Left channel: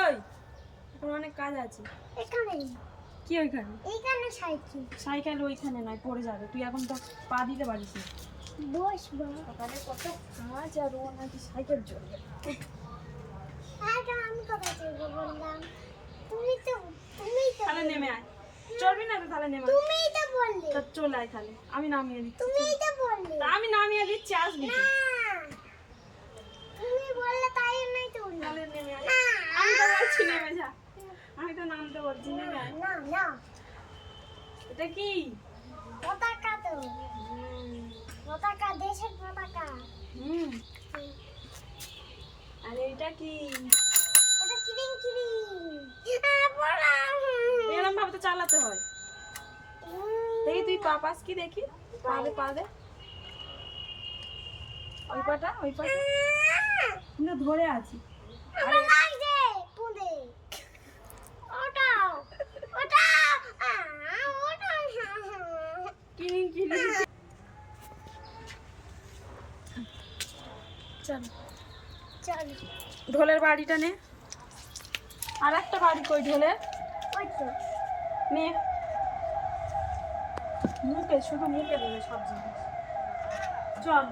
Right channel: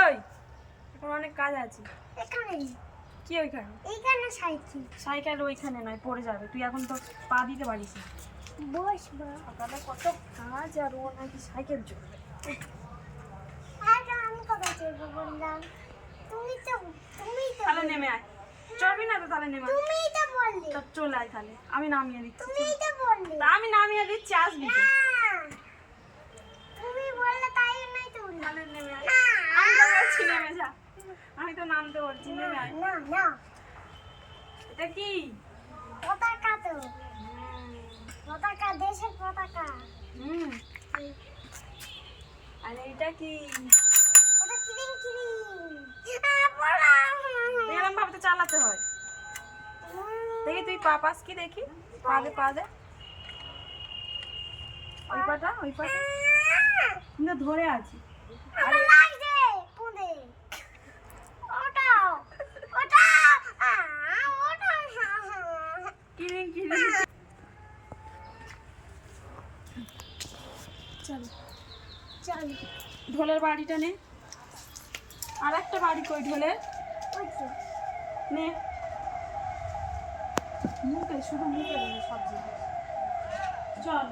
ওই এখন অনেক কাজ আছে। এখানে কি ওইখানে? এইখানে সাইকেল। সাইকেল ওইখানে নয়, পড়ে যাবে। তুই এখন তো পা দিতে পারিস না। বসবো। সকালে কত কাজ আর ও নাকি সাইকেল চলবে। আগে আমি কথা চলবো বললাম। তুমি তো তাহলে নেমে আয়। চলবি না তো তাহলে নেমে আয়। তুমিই তো বললে। তা চলে আয় তাহলে, আমি নামিয়ে দিচ্ছি। তুমিই তো বললে। তা আমি নামিয়ে দিচ্ছি, আসবি তো। না, তুমি বললে তাই নাই তো বললাম। তাহলে নেমে আয়। না, আমি তো বলছি নেমে যা। আমি তো নামতে বলছি, নেমে আয়। না না এটা কি? পতাকা তো। পতাকা, দেশের পতাকা। হুম। আর এটা কি? ওটা কিরিং কিরিং। পড়া। এরকম ভাবে তো চালাতে হয়। দেখি তুই পা পাস কি দেখি। পা দে, পা দে। ওই পাটা, ওই পাটা। কিন্তু ধরে আছি। আমার লাগছে পুঁদে। ওটাও ওটাও ওটাও। কিরিং কিরিং। চল চল। ঢোলের বাড়িটা নে। আর একটা বাড়ি কই ঢোলের? ওই তো। নে। মুখে, শুধু মুখে দেবে সব জিনিস। চল।